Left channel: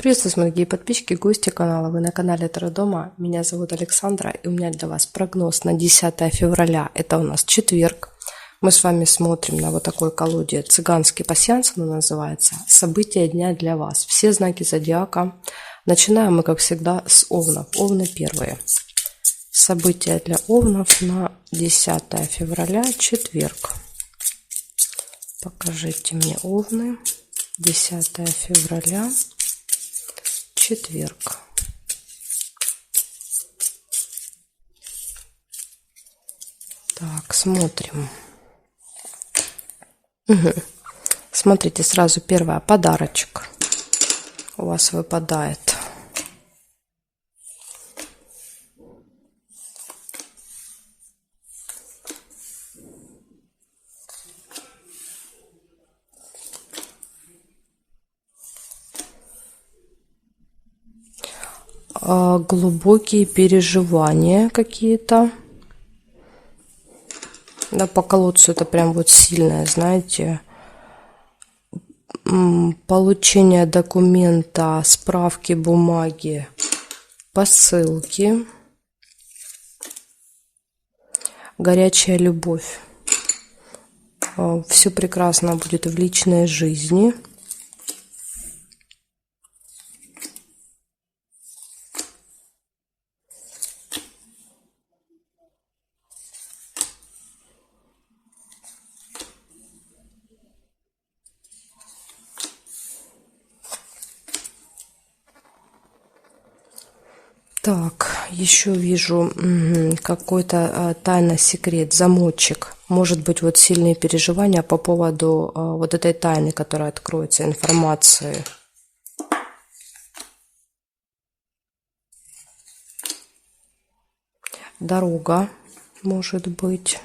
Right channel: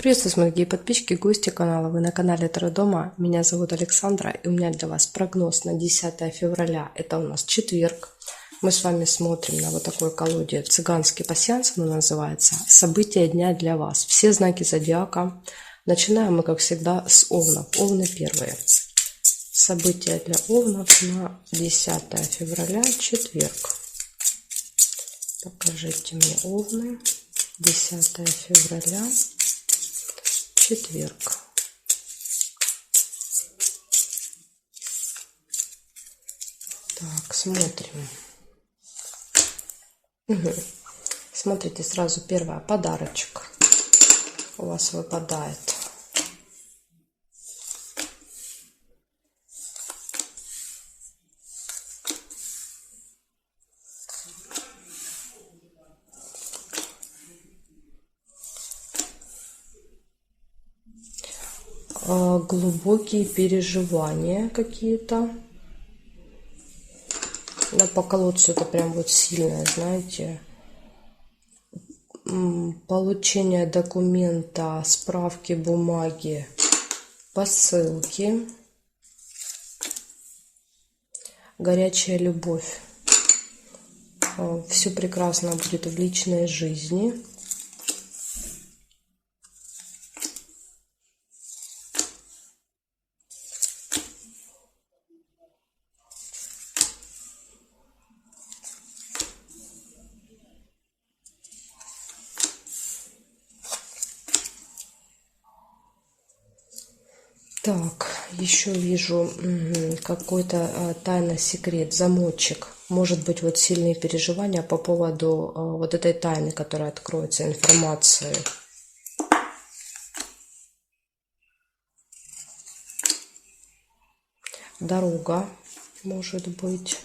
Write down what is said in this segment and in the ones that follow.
Приветствую, мои дорогие подписчики, гости канала. Вы на канале Таро Дома. Меня зовут Александра, и у меня для вас прогноз на 10 февраля. Это у нас четверг. Мы с вами смотрим на вот такой колоде «Цыганский пасьянс», она называется. События дня для вас. Все знаки зодиака. Начинаем мы, как всегда, с Овнов. Овны первые. События для Овнов на 10 февраля, четверг. Покажите мне Овны. 10 февраля, четверг. Так, смотрим. Смотрите, сразу первое, подарочек у вас выпадает. Глубокие переживания какие-то. Да, по колодцу это прям вот сильное, знаете. Получение документа, справки, бумаги, посылки. Горячая любовь. Все прекрасно будет в личной жизни. Так, еще вижу какой-то тайный секрет, замочек. Может быть, вот сильные переживания по поводу вот этой тайны, которая откроется, информации. Дорога, может быть.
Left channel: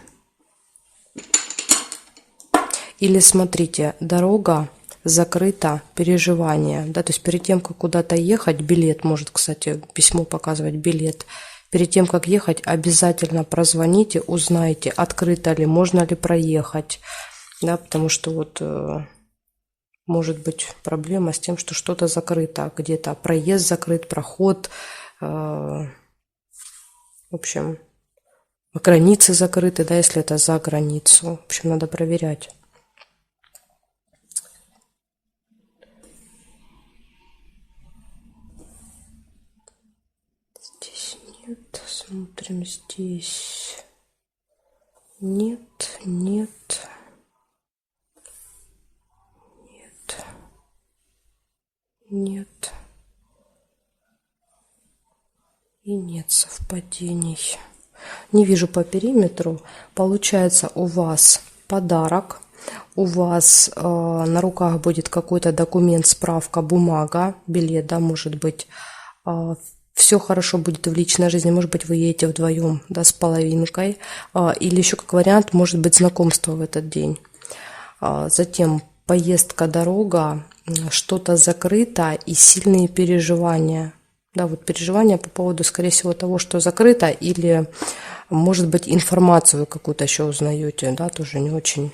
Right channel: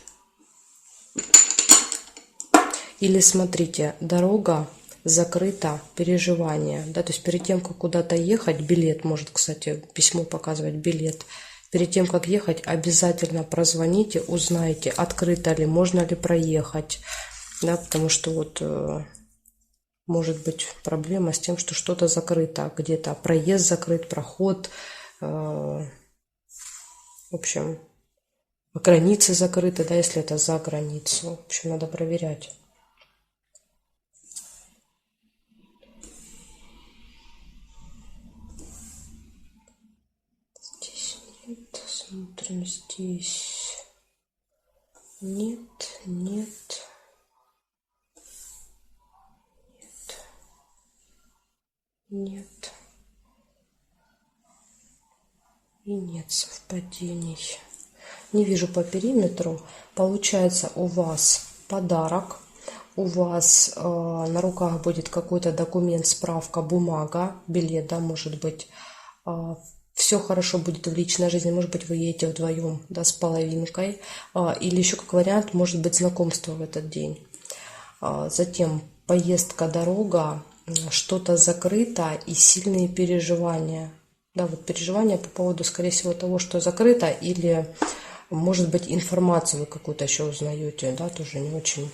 Или смотрите, дорога закрыто, переживание, да, то есть перед тем, как куда-то ехать, билет, может, кстати, письмо показывать, билет, перед тем, как ехать, обязательно прозвоните, узнайте, открыто ли, можно ли проехать, да, потому что вот может быть проблема с тем, что что-то закрыто, где-то проезд закрыт, проход, в общем, границы закрыты, да, если это за границу, в общем, надо проверять. Смотрим здесь. Нет, нет, нет, нет. И нет совпадений. Не вижу по периметру. Получается, у вас подарок. У вас на руках будет какой-то документ, справка, бумага, билет, да, может быть. Все хорошо будет в личной жизни, может быть, вы едете вдвоем, да, с половинкой, или еще как вариант, может быть, знакомство в этот день. Затем поездка, дорога, что-то закрыто и сильные переживания. Да, вот переживания по поводу, скорее всего, того, что закрыто, или, может быть, информацию какую-то еще узнаете, да, тоже не очень,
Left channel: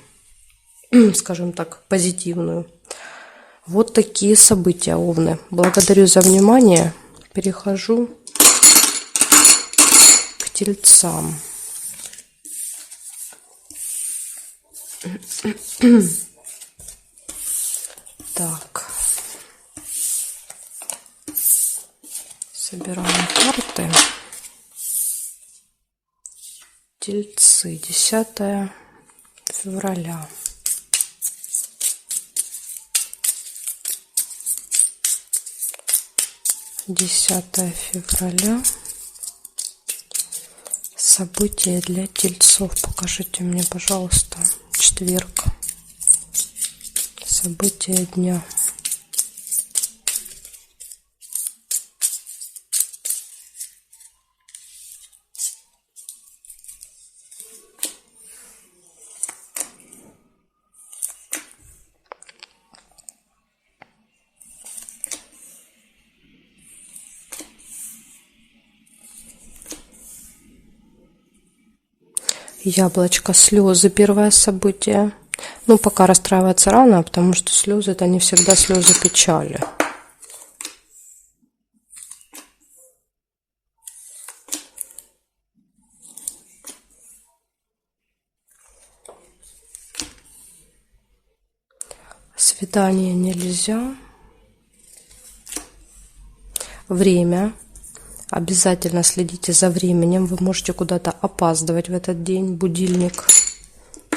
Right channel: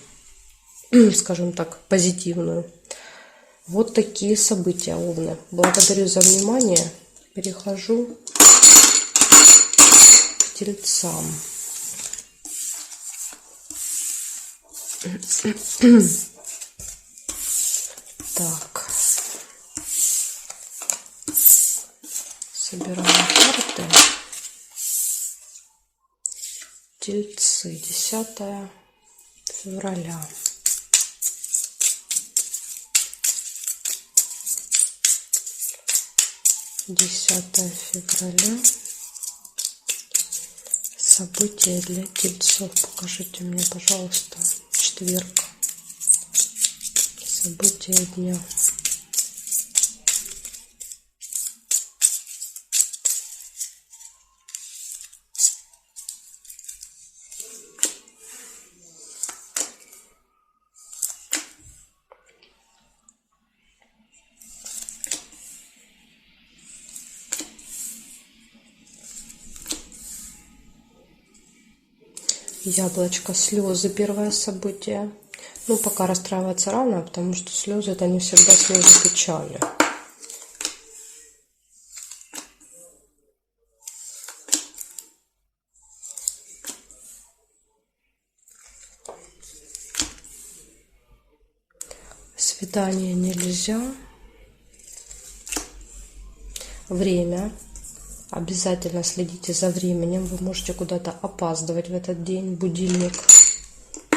скажем так, позитивную. Вот такие события, Овны. Благодарю за внимание. Перехожу к Тельцам. Так. Собираем карты. Тельцы. 10 февраля. Десятое февраля. События для тельцов. Покажите мне, пожалуйста, четверг. События дня. Яблочко, слезы, первое событие. Ну, пока расстраиваться рано, потому что слезы — это не всегда слезы печали. Питание нельзя. Время. Обязательно следите за временем. Вы можете куда-то опаздывать в этот день. Будильник.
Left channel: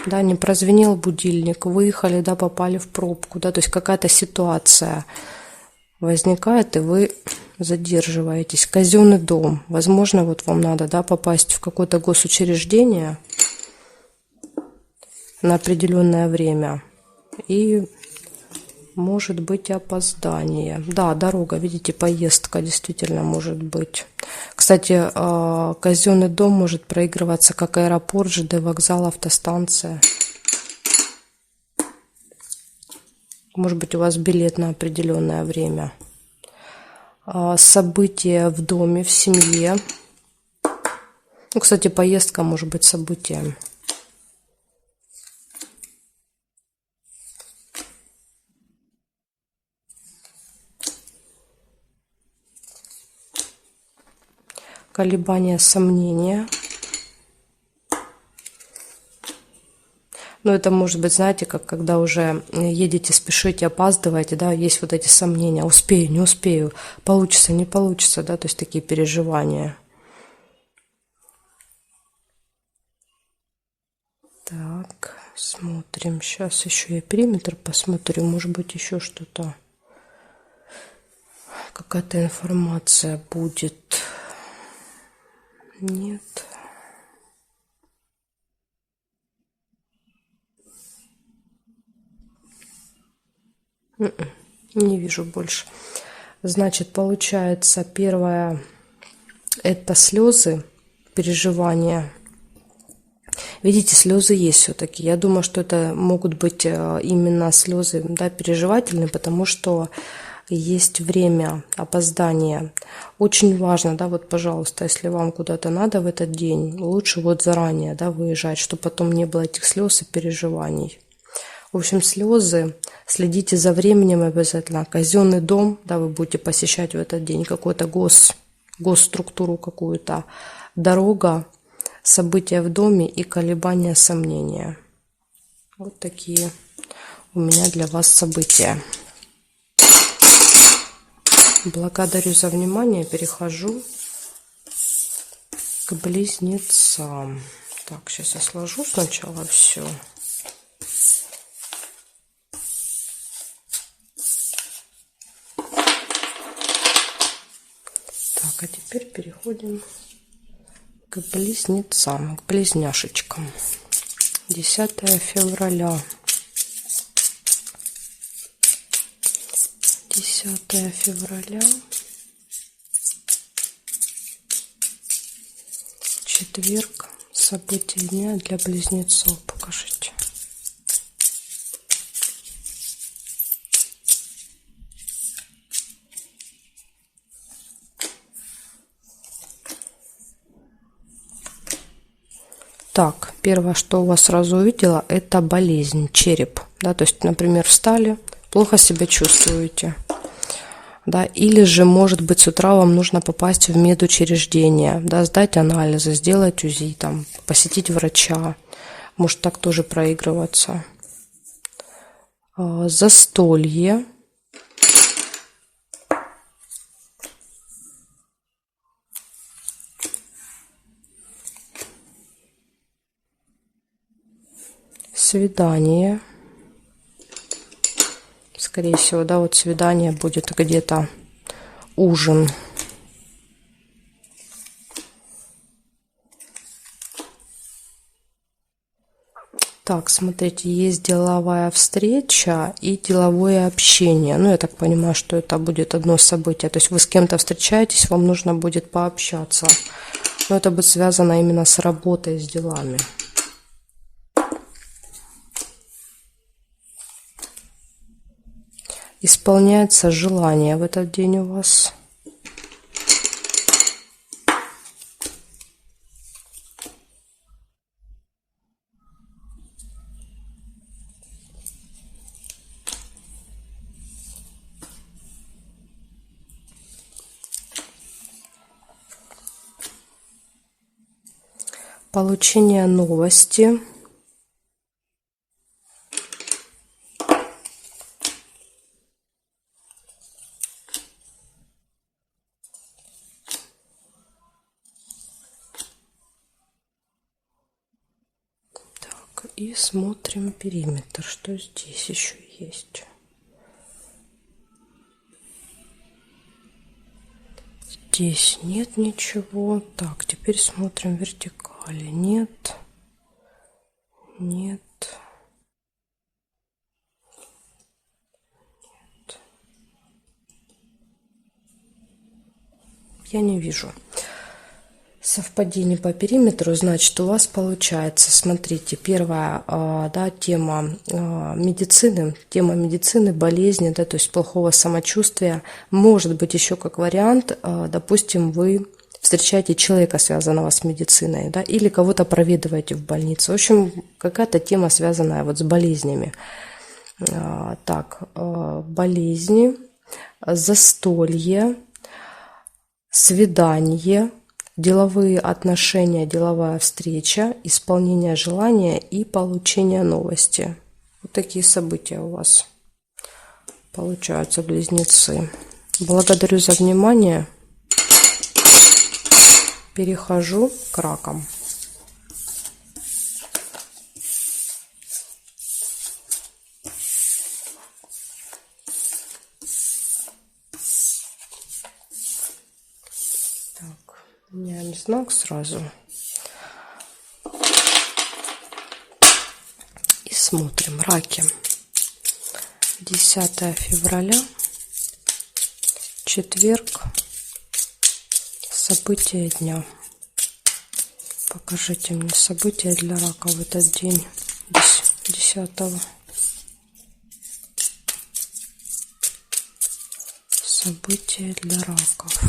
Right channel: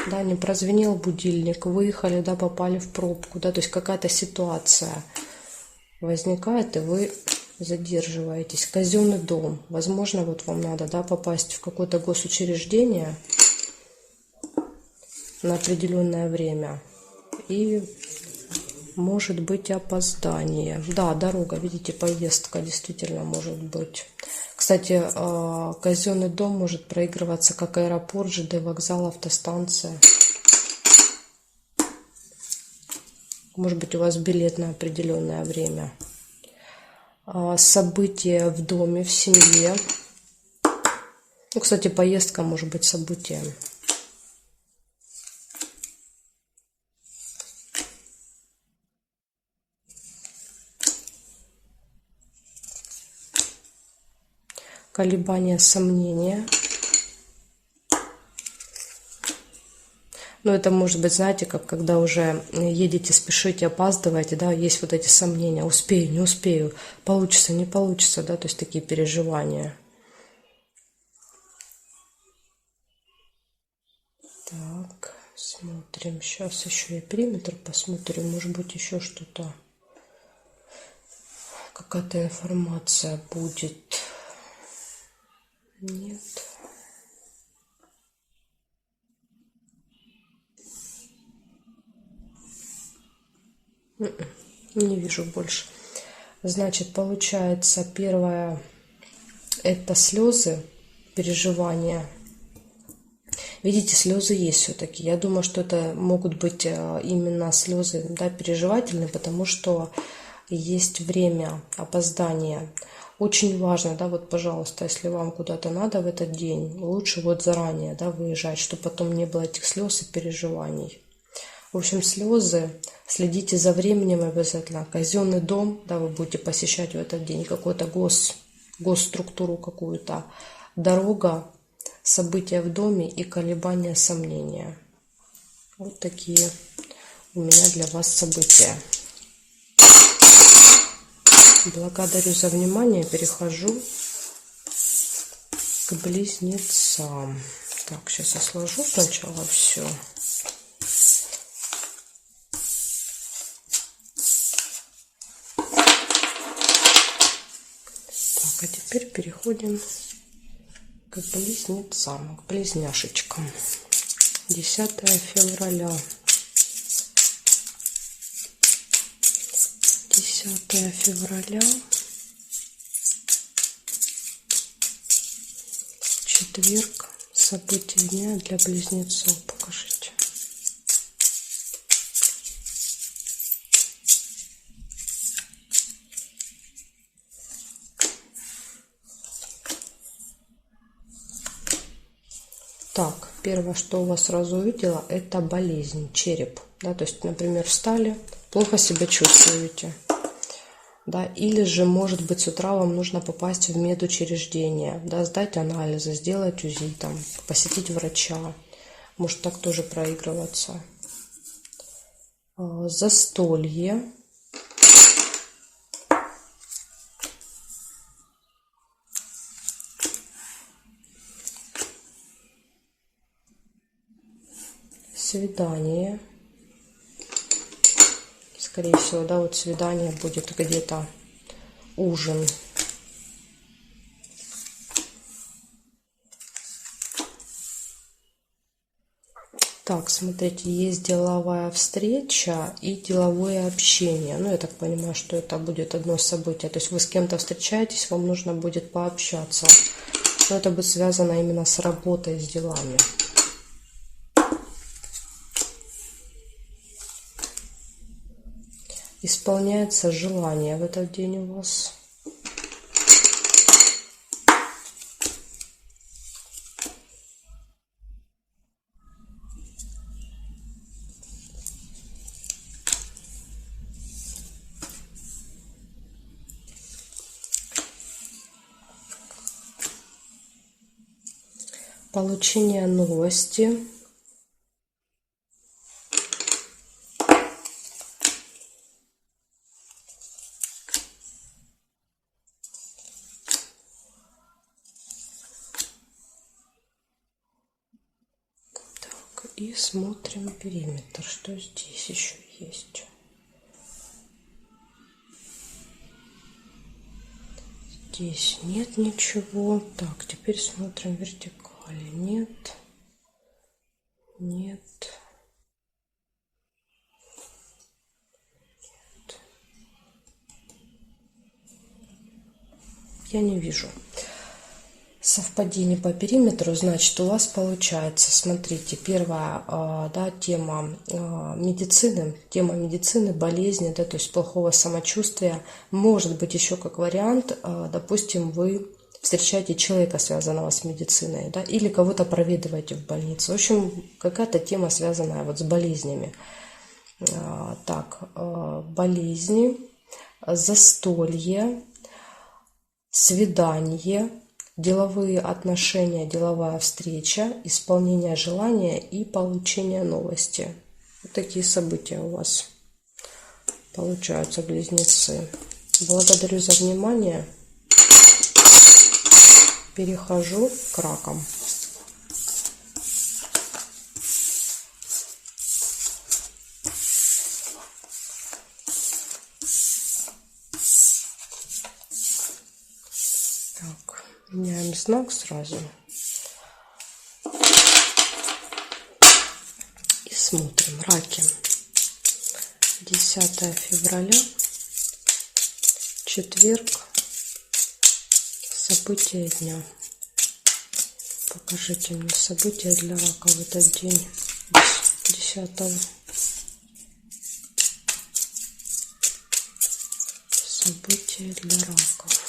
Да, не прозвенел будильник. Выехали, да, попали в пробку. Да, то есть какая-то ситуация возникает, и вы задерживаетесь. Казенный дом. Возможно, вот вам надо, да, попасть в какое-то госучреждение на определенное время. И может быть опоздание. Да, дорога, видите, поездка действительно может быть. Кстати, казенный дом может проигрываться как аэропорт, ЖД вокзал, автостанция. Может быть, у вас билет на определенное время. События в доме, в семье. Ну, кстати, поездка может быть событием. Колебания, сомнения. Но это может быть, знаете, как когда уже едете, спешите, опаздываете, да, есть вот эти сомнения, успею, не успею, получится, не получится, да, то есть такие переживания. Так, смотрим, сейчас еще я периметр посмотрю, может быть еще что-то, какая-то информация будет. Нет. Не вижу больше. Значит, получается, первое – это слезы, переживания. Видите, слезы есть все-таки. Я думаю, что это могут быть именно слезы, да, переживательные, потому что есть время опоздания. Очень важно, да, вот, пожалуйста, если вам куда-то надо в этот день, лучше вот заранее, да, выезжать, чтобы потом не было этих слез и переживаний. В общем, слезы, следите за временем обязательно. Казенный дом, да, вы будете посещать в этот день, какую-то госструктуру какую-то, дорога, события в доме и колебания, сомнения. Вот такие у меня для вас события. Благодарю за внимание. Перехожу к близнецам. Так, сейчас я сложу сначала все. Так, а теперь переходим к близнецам, к близняшечкам. 10 февраля. 10 февраля. Четверг. События дня для близнецов. Покажите. Так, первое, что у вас сразу увидела, это болезнь, череп. Да, то есть, например, встали, плохо себя чувствуете. Да, или же, может быть, с утра вам нужно попасть в медучреждение, да, сдать анализы, сделать УЗИ, там, посетить врача. Может так тоже проигрываться. Застолье. Свидание. Скорее всего, да, вот свидание будет где-то, ужин. Так, смотрите, есть деловая встреча и деловое общение. Ну, я так понимаю, что это будет одно событие. То есть вы с кем-то встречаетесь, вам нужно будет пообщаться. Но это будет связано именно с работой, с делами. Исполняется желание в этот день у вас. Получение новости. и смотрим периметр, что здесь еще есть. Здесь нет ничего. Так, теперь смотрим вертикали. Нет. Нет. Нет. Я не вижу совпадений по периметру. Значит, у вас получается, смотрите, первая, да, тема медицины, болезни, да, то есть плохого самочувствия. Может быть еще как вариант, допустим, вы встречаете человека, связанного с медициной, да, или кого-то проведываете в больнице. В общем, какая-то тема, связанная вот с болезнями. Так, болезни, застолье, свидание, деловые отношения, деловая встреча, исполнение желания и получение новости. Вот такие события у вас получаются, близнецы. Благодарю за внимание. Перехожу к ракам. Так, меняем знак сразу. И смотрим. Раки. 10 февраля. Четверг. События дня. Покажите мне события для рака в этот день. 10-го. События для раков.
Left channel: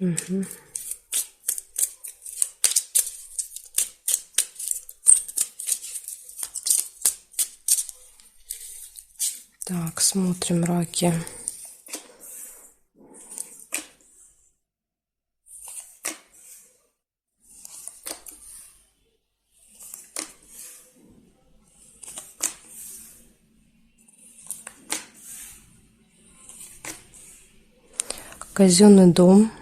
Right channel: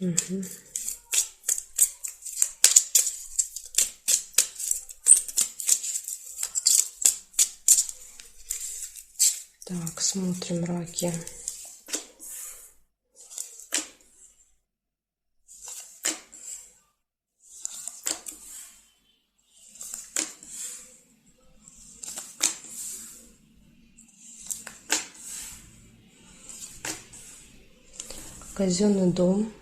Угу. Так, смотрим раки. Казенный дом.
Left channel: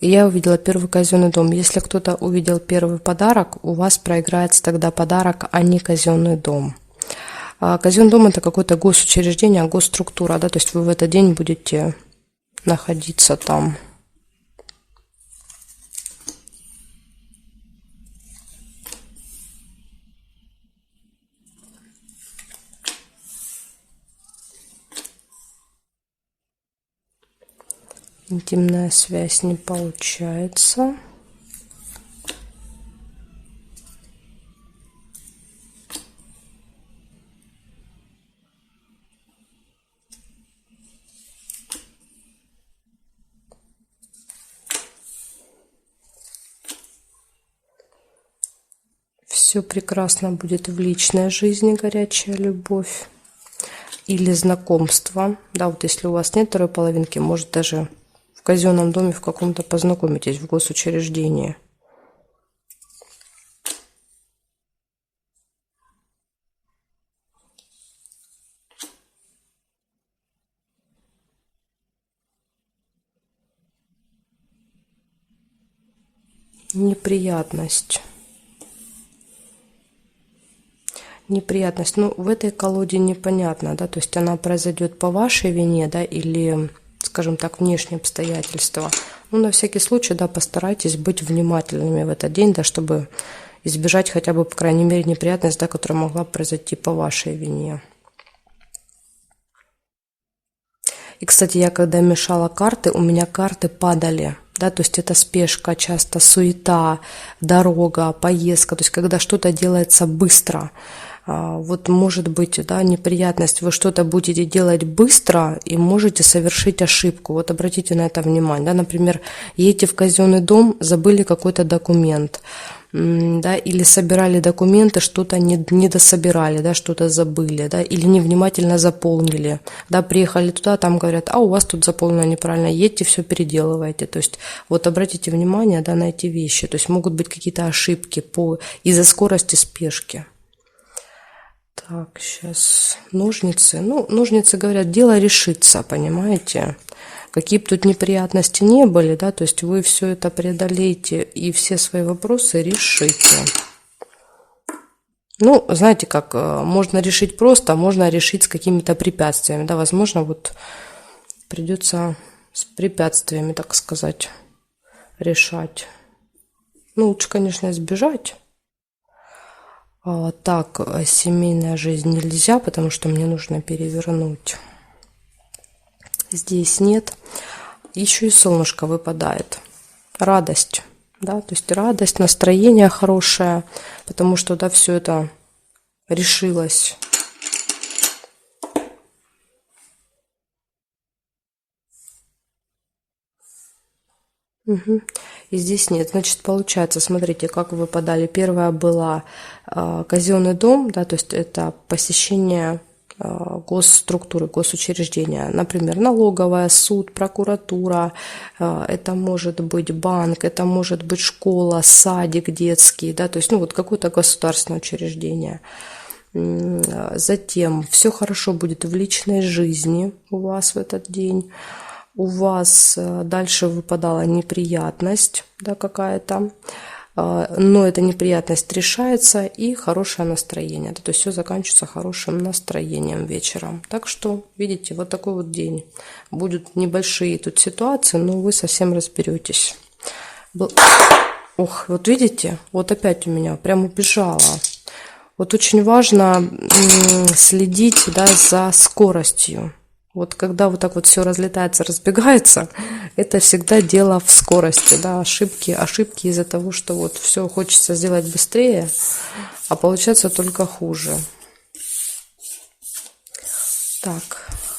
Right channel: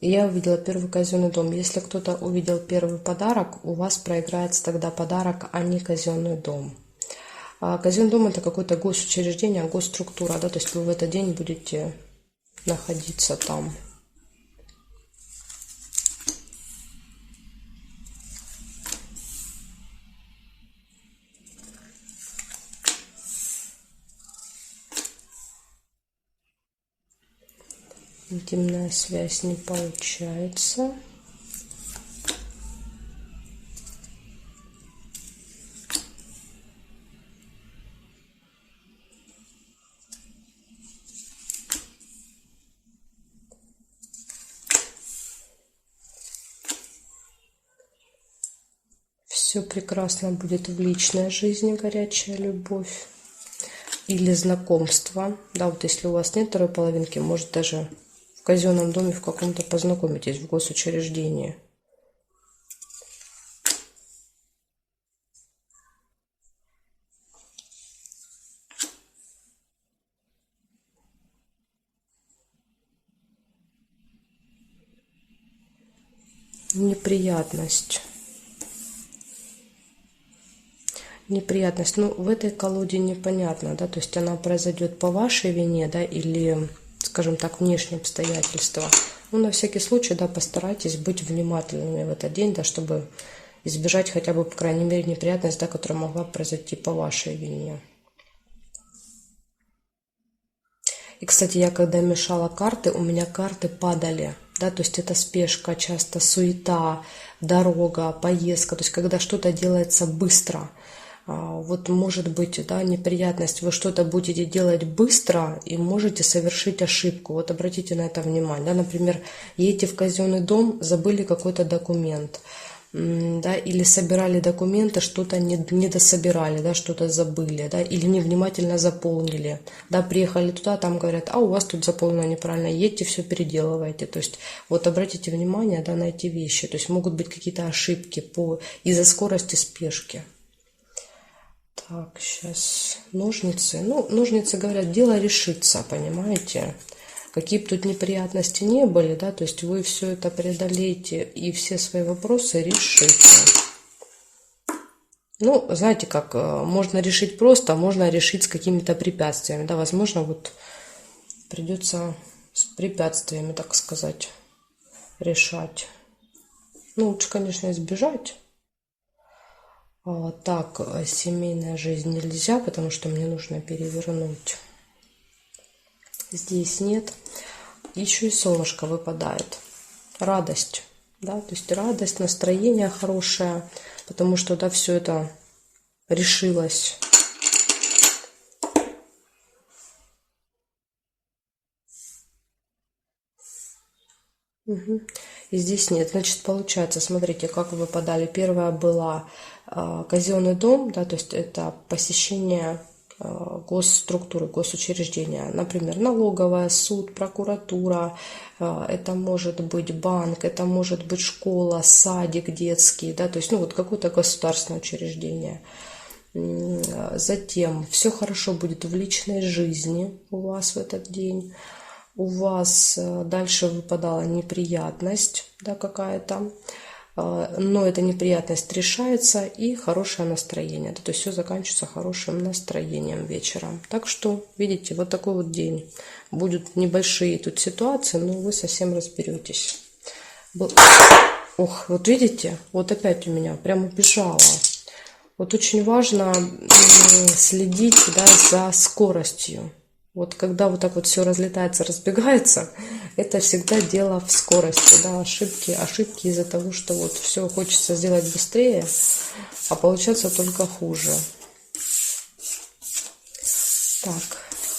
Я увидела первый казенный дом. Если кто-то увидел первый подарок, у вас проиграется тогда подарок, а не казенный дом. Казенный дом — это какое-то госучреждение, госструктура, да, то есть вы в этот день будете находиться там. Интимная связь не получается. Все прекрасно будет в личной жизни, горячая любовь или знакомство. Да, вот если у вас нет второй половинки, может даже в казенном доме в каком-то познакомитесь, в госучреждении. Неприятность. Неприятность. Ну, в этой колоде непонятно, да, то есть она произойдет по вашей вине, да, или, скажем так, внешние обстоятельства. Ну, на всякий случай, да, постарайтесь быть внимательными в этот день, да, чтобы избежать хотя бы, по крайней мере, неприятность, да, которая могла произойти по вашей вине. И, кстати, я когда мешала карты, у меня карты падали. Да, то есть это спешка, часто суета, дорога, поездка. То есть когда что-то делается быстро. Вот может быть, да, неприятность, вы что-то будете делать быстро и можете совершить ошибку. Вот обратите на это внимание. Да, например, едете в казенный дом, забыли какой-то документ. Да, или собирали документы, что-то не дособирали, да, что-то забыли, да, или невнимательно заполнили, да, приехали туда, там говорят, а у вас тут заполнено неправильно, едьте, все переделывайте. То есть вот обратите внимание, да, на эти вещи, то есть могут быть какие-то ошибки из-за скорости, спешки. Так, сейчас ножницы. Ну, ножницы говорят, дело решится, понимаете? какие бы тут неприятности не были, да, то есть вы все это преодолеете и все свои вопросы решите. Ну, знаете как, можно решить просто, а можно решить с какими-то препятствиями, да, возможно, вот придется с препятствиями, так сказать, решать. Ну, лучше, конечно, избежать. Так, семейная жизнь нельзя, потому что мне нужно перевернуть. Здесь нет. Еще и солнышко выпадает. Радость, да, то есть радость, настроение хорошее, потому что, да, все это решилось. Угу. И здесь нет. Значит, получается, смотрите, как выпадали. Первая была казенный дом, да, то есть это посещение госструктуры, госучреждения, например, налоговая, суд, прокуратура, это может быть банк, это может быть школа, садик детский, да, то есть, ну, вот какое-то государственное учреждение. Затем все хорошо будет в личной жизни у вас в этот день. У вас дальше выпадала неприятность, да, какая-то, но эта неприятность решается, и хорошее настроение, да, то есть все заканчивается хорошим настроением вечером. Так что, видите, вот такой вот день. Будут небольшие тут ситуации, но вы совсем разберетесь. Ох, вот видите, вот опять у меня прям убежала. Вот очень важно следить, да, за скоростью. Вот когда вот так вот все разлетается, разбегается, это всегда дело в скорости, да, ошибки из-за того, что вот все хочется сделать быстрее, а получается только хуже. Так,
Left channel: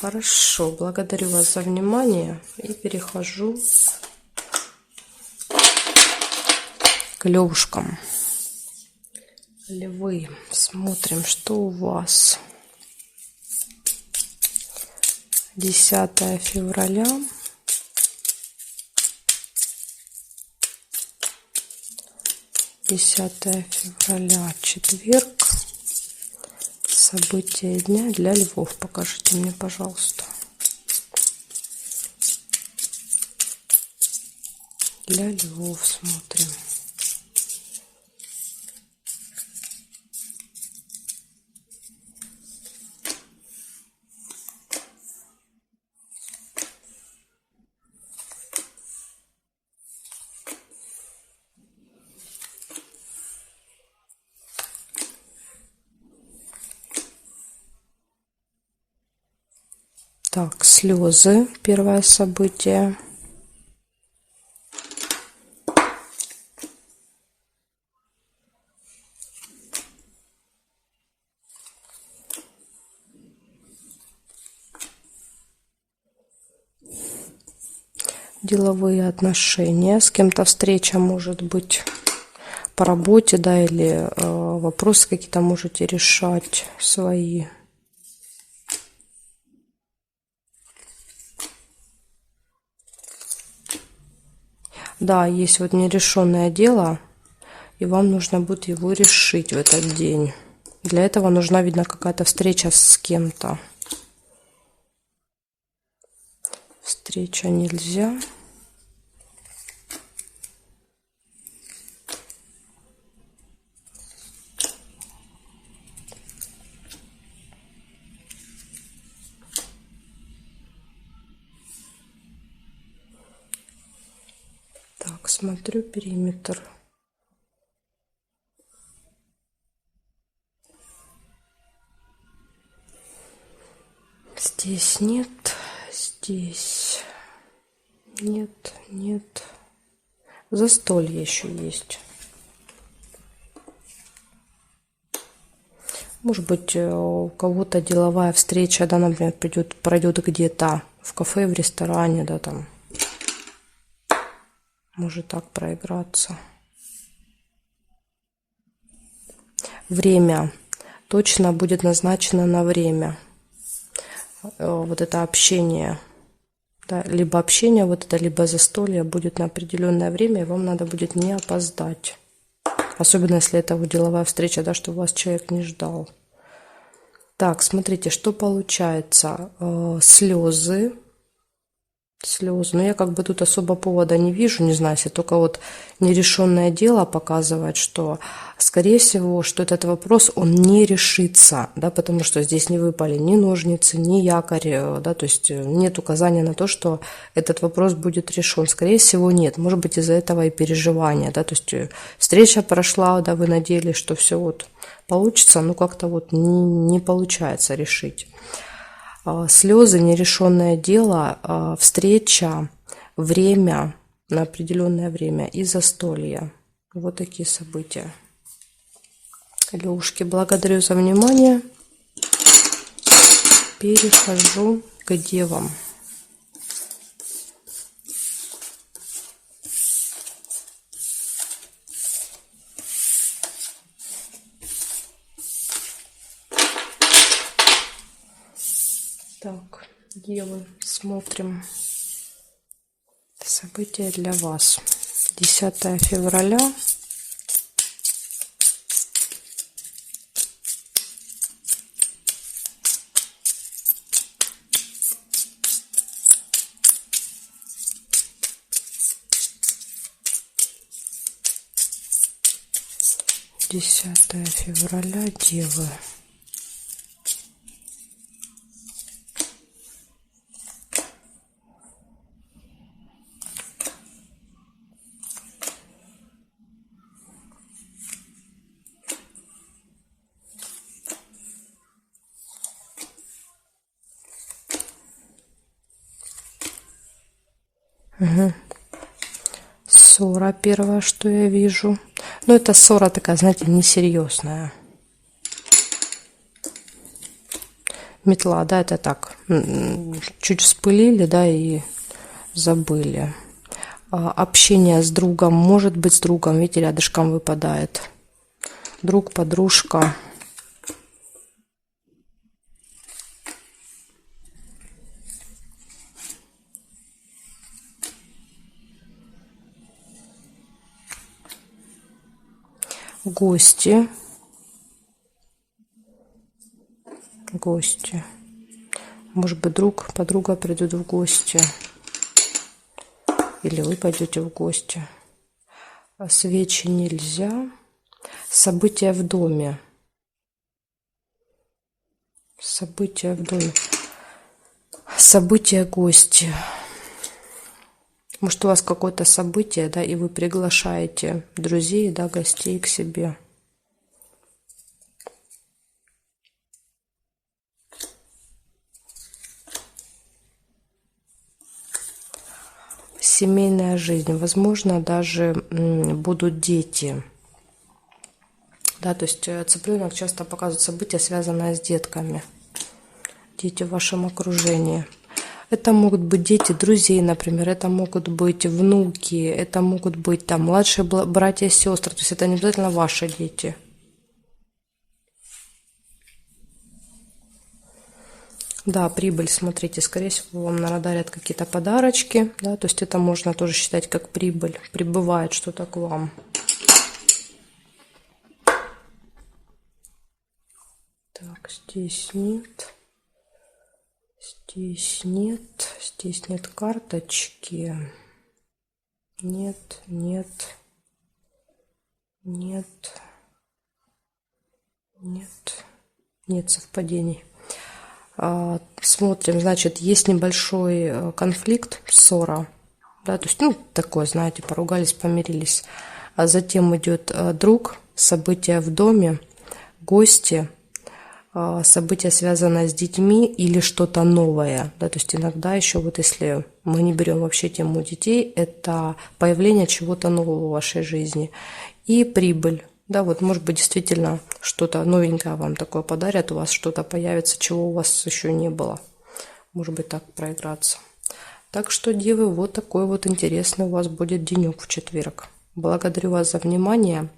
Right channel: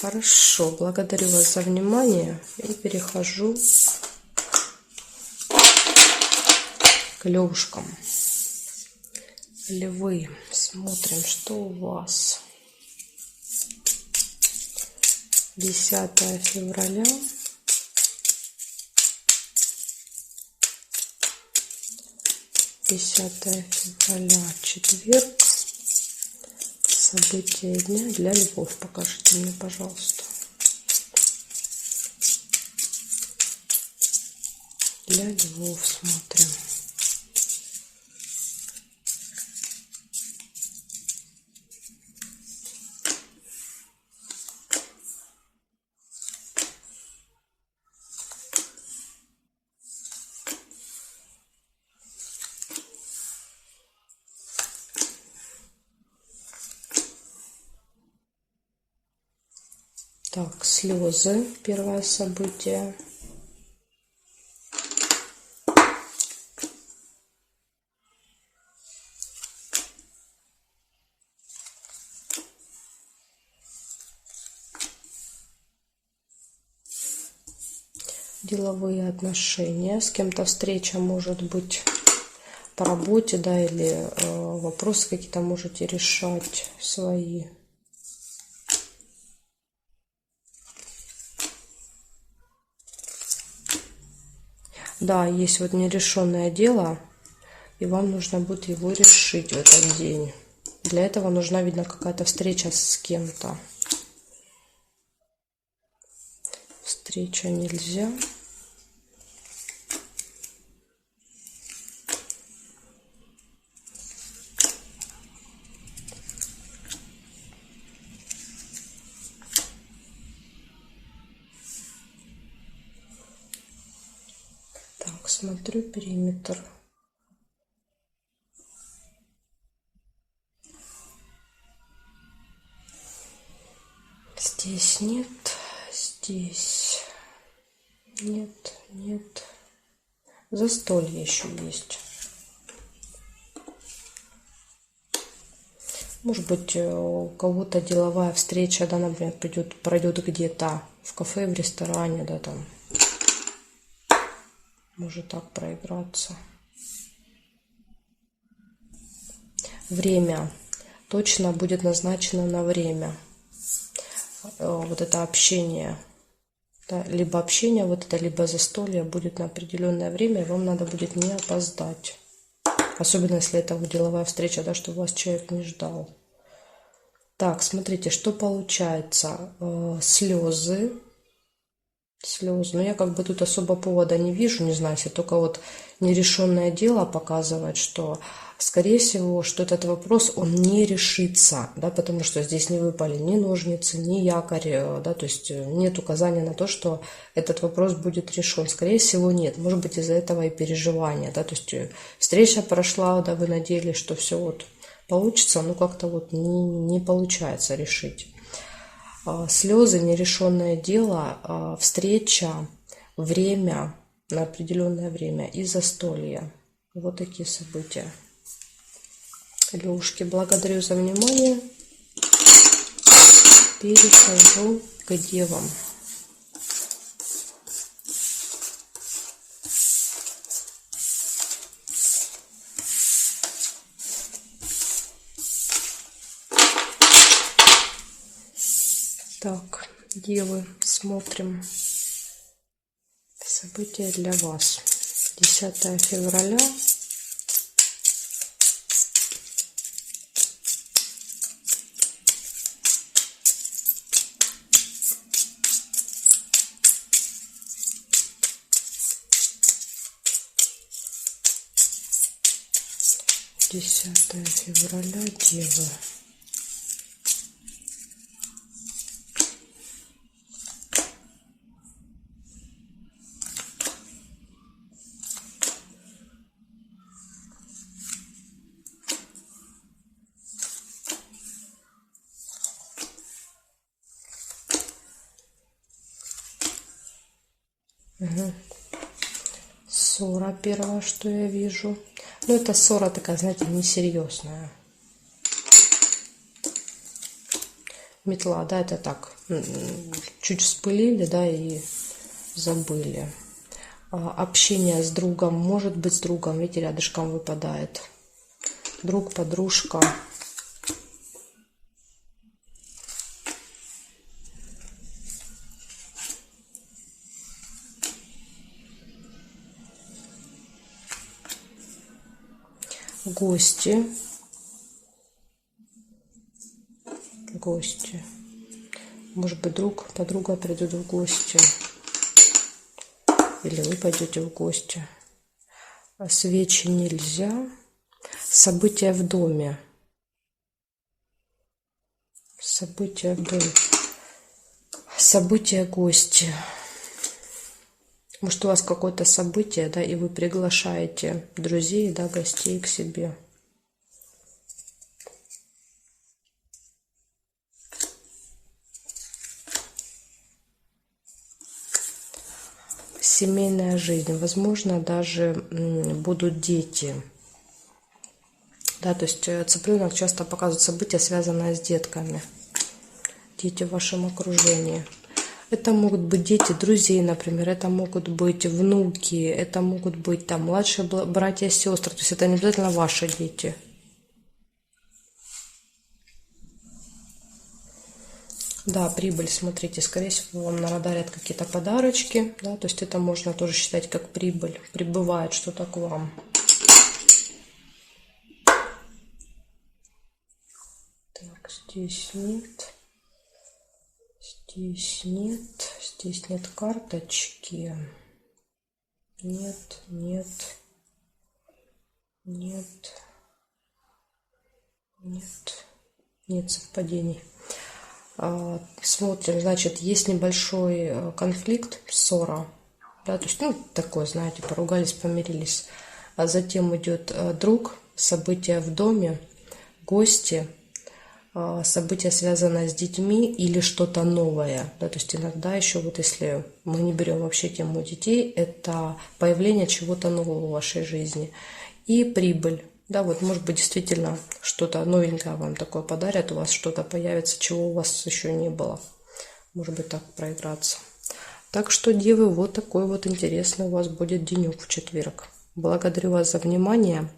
хорошо, благодарю вас за внимание и перехожу к левушкам. Львы, смотрим, что у вас. 10 февраля. 10 февраля, четверг. События дня для львов. Покажите мне, пожалуйста. Для львов смотрим. Так, слезы. Первое событие. Деловые отношения. С кем-то встреча может быть по работе, да, или вопросы какие-то можете решать свои. Да, есть вот нерешенное дело, и вам нужно будет его решить в этот день. Для этого нужна, видно, какая-то встреча с кем-то. Встреча нельзя. Так, смотрю периметр. Здесь нет, здесь нет, нет. Застолье еще есть. Может быть, у кого-то деловая встреча, да, например, пройдет где-то в кафе, в ресторане, да, там. Может так проиграться. Время. Точно будет назначено на время. Вот это общение. Да, либо общение, вот это, либо застолье будет на определенное время, и вам надо будет не опоздать. Особенно, если это вот деловая встреча, да, чтобы вас человек не ждал. Так, смотрите, что получается. Слезы. Слезы. Но я как бы тут особо повода не вижу, не знаю, если только вот нерешенное дело показывает, что, скорее всего, что этот вопрос, он не решится, да, потому что здесь не выпали ни ножницы, ни якорь, да, то есть нет указания на то, что этот вопрос будет решен. Скорее всего, нет. Может быть, из-за этого и переживания, да, то есть встреча прошла, да, вы надеялись, что все вот получится, но как-то вот не получается решить. Слезы, нерешенное дело, встреча, время, на определенное время и застолье. Вот такие события. Левушки, благодарю за внимание. Перехожу к девам. Так, девы, смотрим события для вас. 10 февраля. Десятое февраля, девы. Угу. Ссора первое, что я вижу. Но это ссора такая, знаете, несерьезная. Метла, да, это так. Чуть вспылили, да, и забыли. Общение с другом, может быть, с другом, видите, рядышком выпадает. Друг, подружка. Гости. Гости. Может быть, друг, подруга придут в гости. Или вы пойдете в гости. Свечи нельзя. События в доме. События в доме. События, гости. Может, у вас какое-то событие, да, и вы приглашаете друзей, да, гостей к себе. Семейная жизнь. Возможно, даже будут дети. Да, то есть цыпленок часто показывает события, связанные с детками. Дети в вашем окружении. Это могут быть дети друзей, например, это могут быть внуки, это могут быть там младшие братья и сестры. То есть это не обязательно ваши дети. Да, прибыль, смотрите, скорее всего, вам надарят какие-то подарочки, да, то есть это можно тоже считать как прибыль, прибывает что-то к вам. Так, здесь нет, здесь нет карточки, нет, нет совпадений. Смотрим, значит, есть небольшой конфликт, ссора, да, то есть, ну, такое, знаете, поругались, помирились. А затем идет друг, события в доме, гости, события, связанные с детьми или что-то новое, да, то есть иногда еще вот если мы не берем вообще тему детей, это появление чего-то нового в вашей жизни и прибыль. Да, вот может быть действительно что-то новенькое вам такое подарят, у вас что-то появится, чего у вас еще не было. Может быть так проиграться. Так что, девы, вот такой вот интересный у вас будет денек в четверг. Благодарю вас за внимание.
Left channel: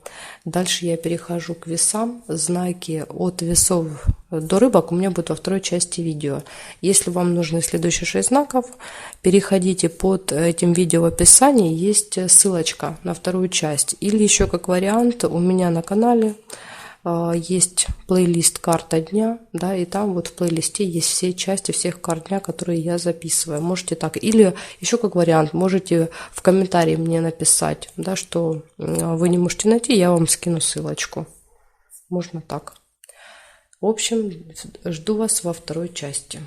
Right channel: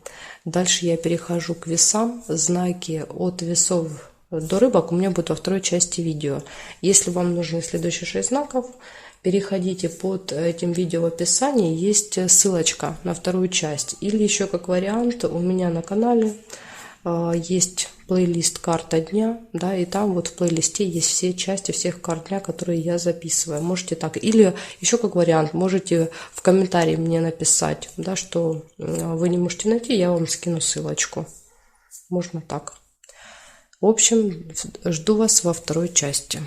Дальше я перехожу к весам. Знаки от весов до рыбок у меня будут во второй части видео. Если вам нужны следующие 6 знаков, переходите под этим видео в описании. Есть ссылочка на вторую часть. Или еще как вариант у меня на канале есть плейлист «Карта дня», да, и там вот в плейлисте есть все части всех карт дня, которые я записываю. Можете так. Или еще как вариант, можете в комментарии мне написать, да, что вы не можете найти, я вам скину ссылочку. Можно так. В общем, жду вас во второй части.